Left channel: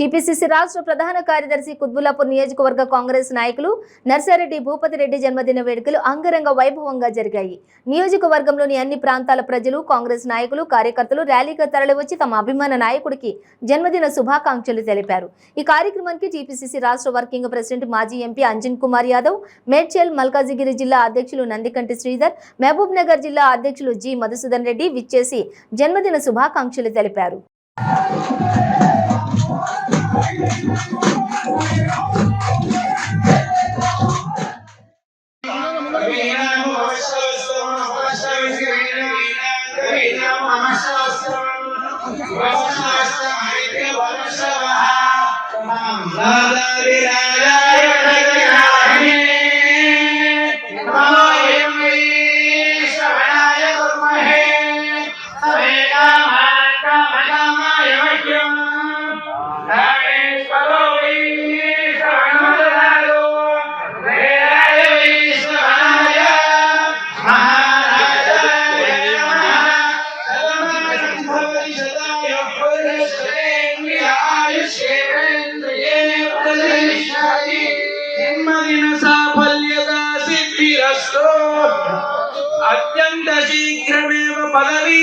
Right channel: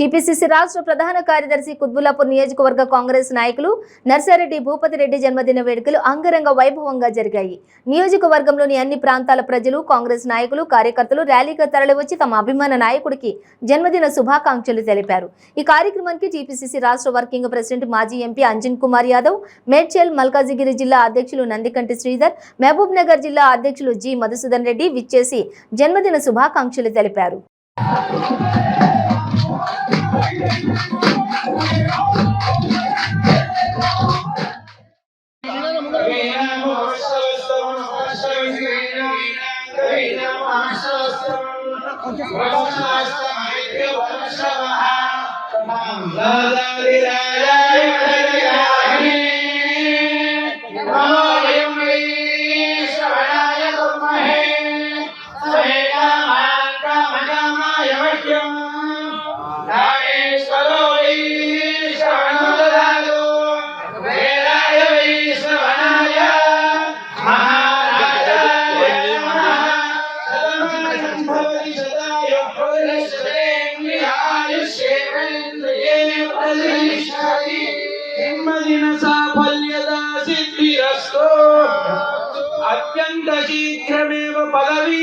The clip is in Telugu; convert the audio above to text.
టీపీసీసీ రాష్ట్ర ప్రధాన కార్యదర్శి కుత్బుల్లాపూర్ నియోజకవర్గ కాంగ్రెస్ నాయకులు నర్సారెడ్డి భూపతిరెడ్డి జన్మదిన వేడుకలు అంగరంగ వైభవంగా జరిగాయి. నియోజకవర్గంలోని అన్ని ప్రాంతాల ప్రజలు, కాంగ్రెస్ నాయకులు, కార్యకర్తలు ర్యాలీగా తరలివచ్చి తమ అభిమాన నాయకుడికి జన్మదిన శుభాకాంక్షలు తెలిపారు. ఈ కార్యక్రమానికి టీపీసీసీ రాష్ట్ర వర్కింగ్ ప్రెసిడెంట్ మాజీ ఎంపీ అంజన్ కుమార్ యాదవ్, మేడ్చల్ మల్కాజిగిరి జిల్లా అధ్యక్షులు నందికంటి శ్రీధర్, మహబూబ్ నగర్ జిల్లా అధ్యక్షులు జి మధుసూదన్ రెడ్డి విచ్చేసి జన్మదిన శుభాకాంక్షలు తెలిపారు. अत्यंत शीघ्रमेव पदवी